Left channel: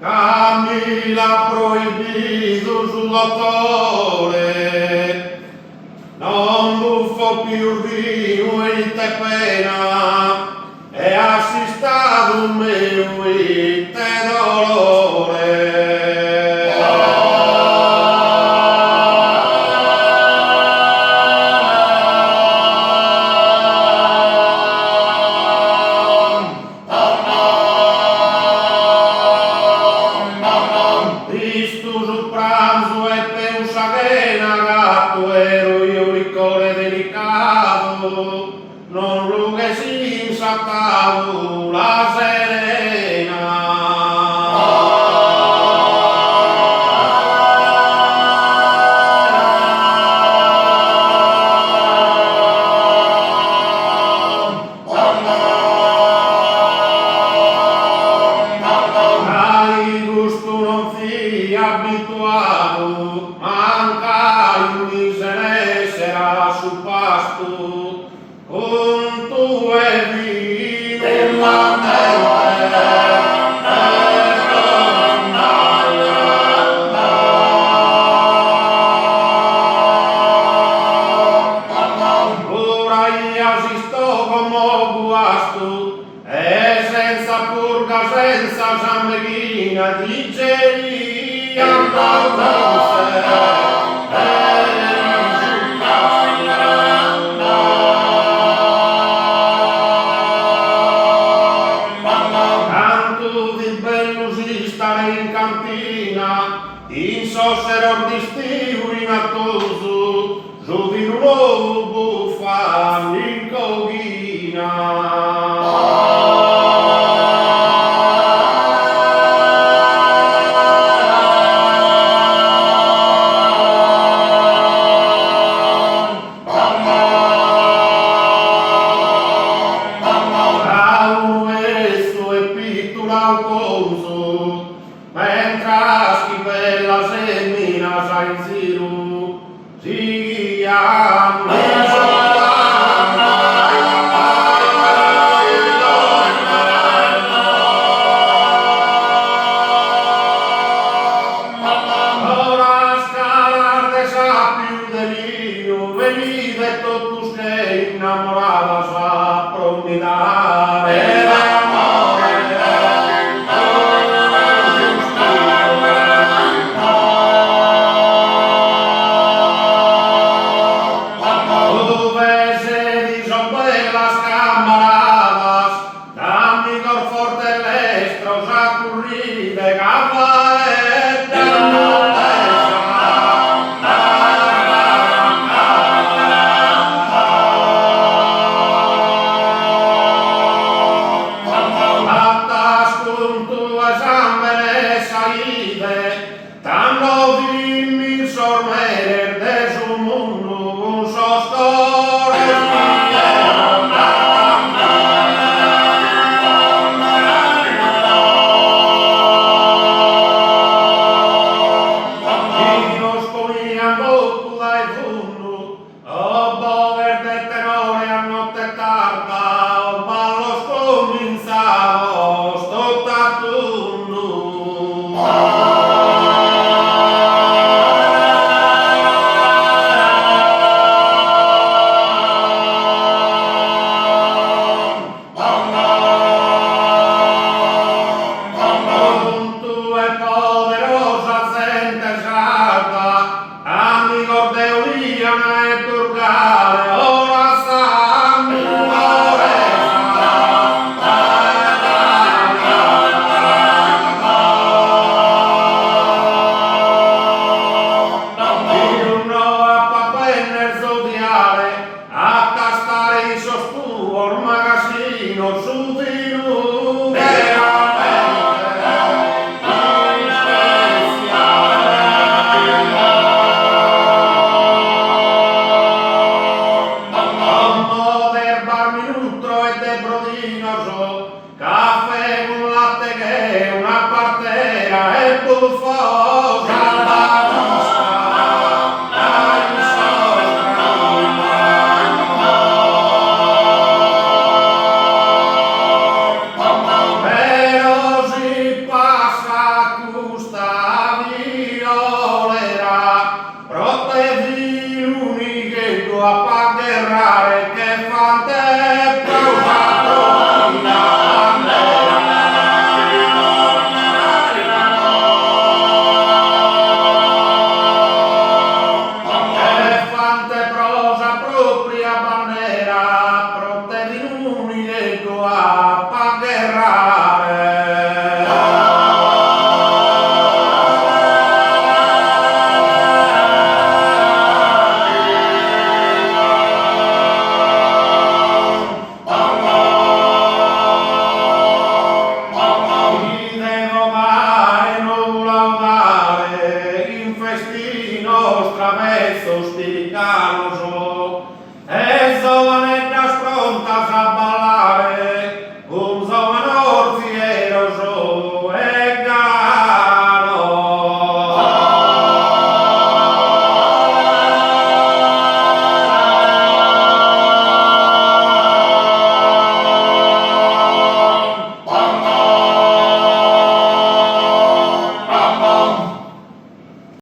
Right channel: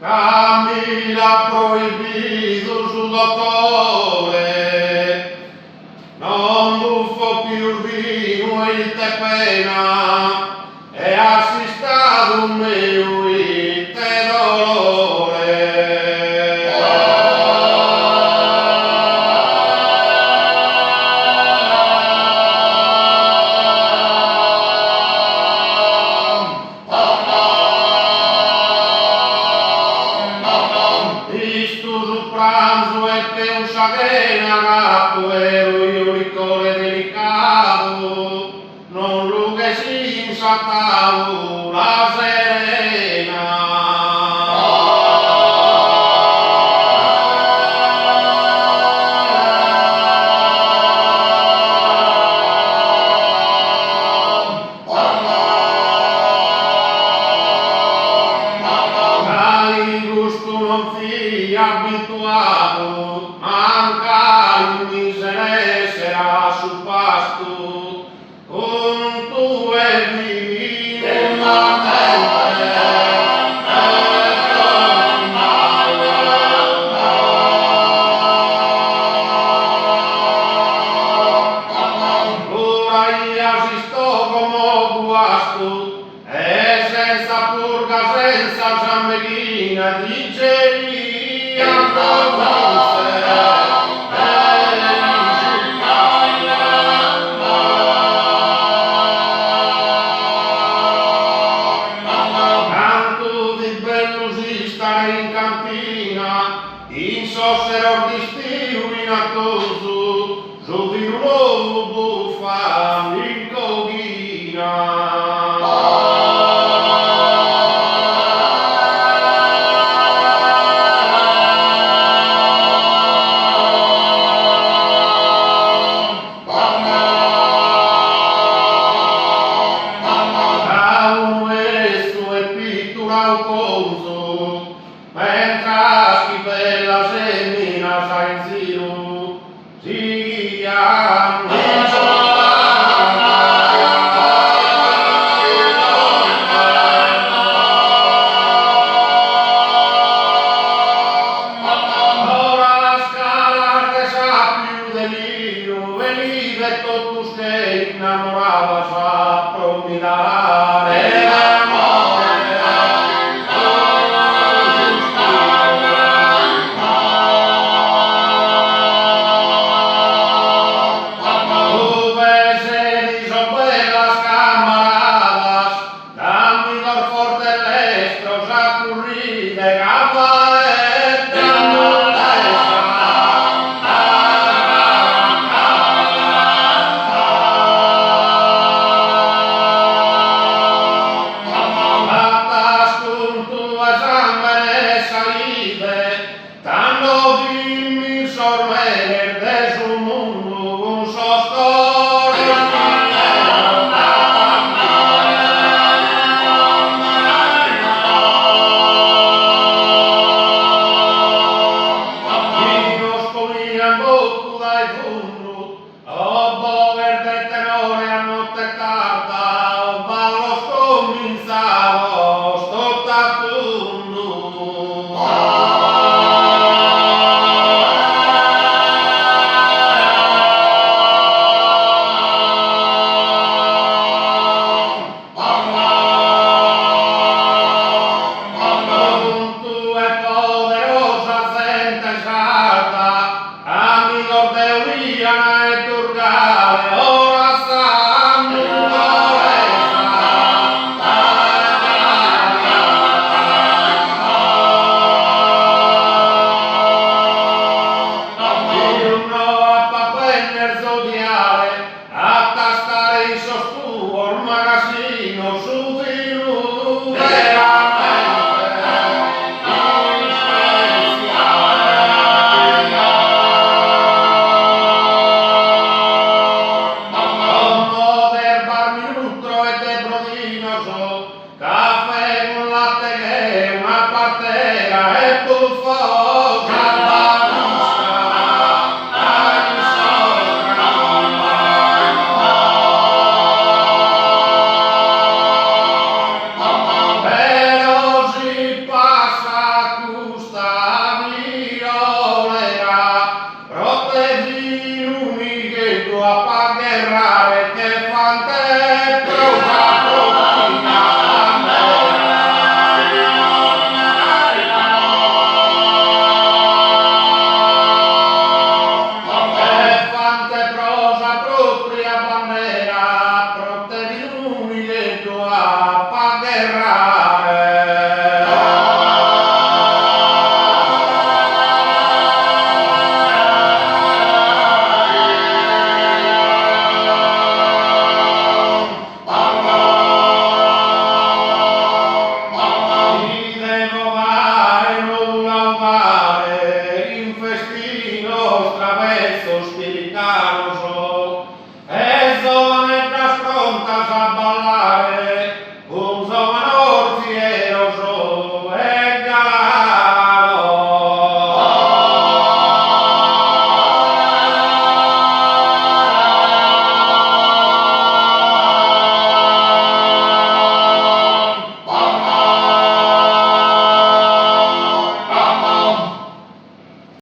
Camila proibido su dottore, non buffo più vino e te pena, e assistato mio e te dolore. Cristo sul pranzo e per un sciagena gatto ero io licore delicato, non lo che si insattavo la serena. Dai gusto non fii abituato, manca in miseria sarà sul pasto, con tu e vino ora io si sto come guasto, e senza purga, senza ciambellina, diceria tanto di bello si stare in cantina, in sossero di stiu rinattoso, su di un uovo buffa in coghina. Mentre schifella semina sa in giro, siamo ora scalar sa più delirio, venite totus che innamorava sa promitare. Tanto dimmi sormere de su mondo un sostore. Io scomigliando tu dai fondo, oh bover del tenore a notte tarda, oh ballo scominciavo, sto tattundo. E turgare ora sanno uno a papenner zodiare a tastare il sostuo il magazzino su di lui caffè con latte che è una partera e buffo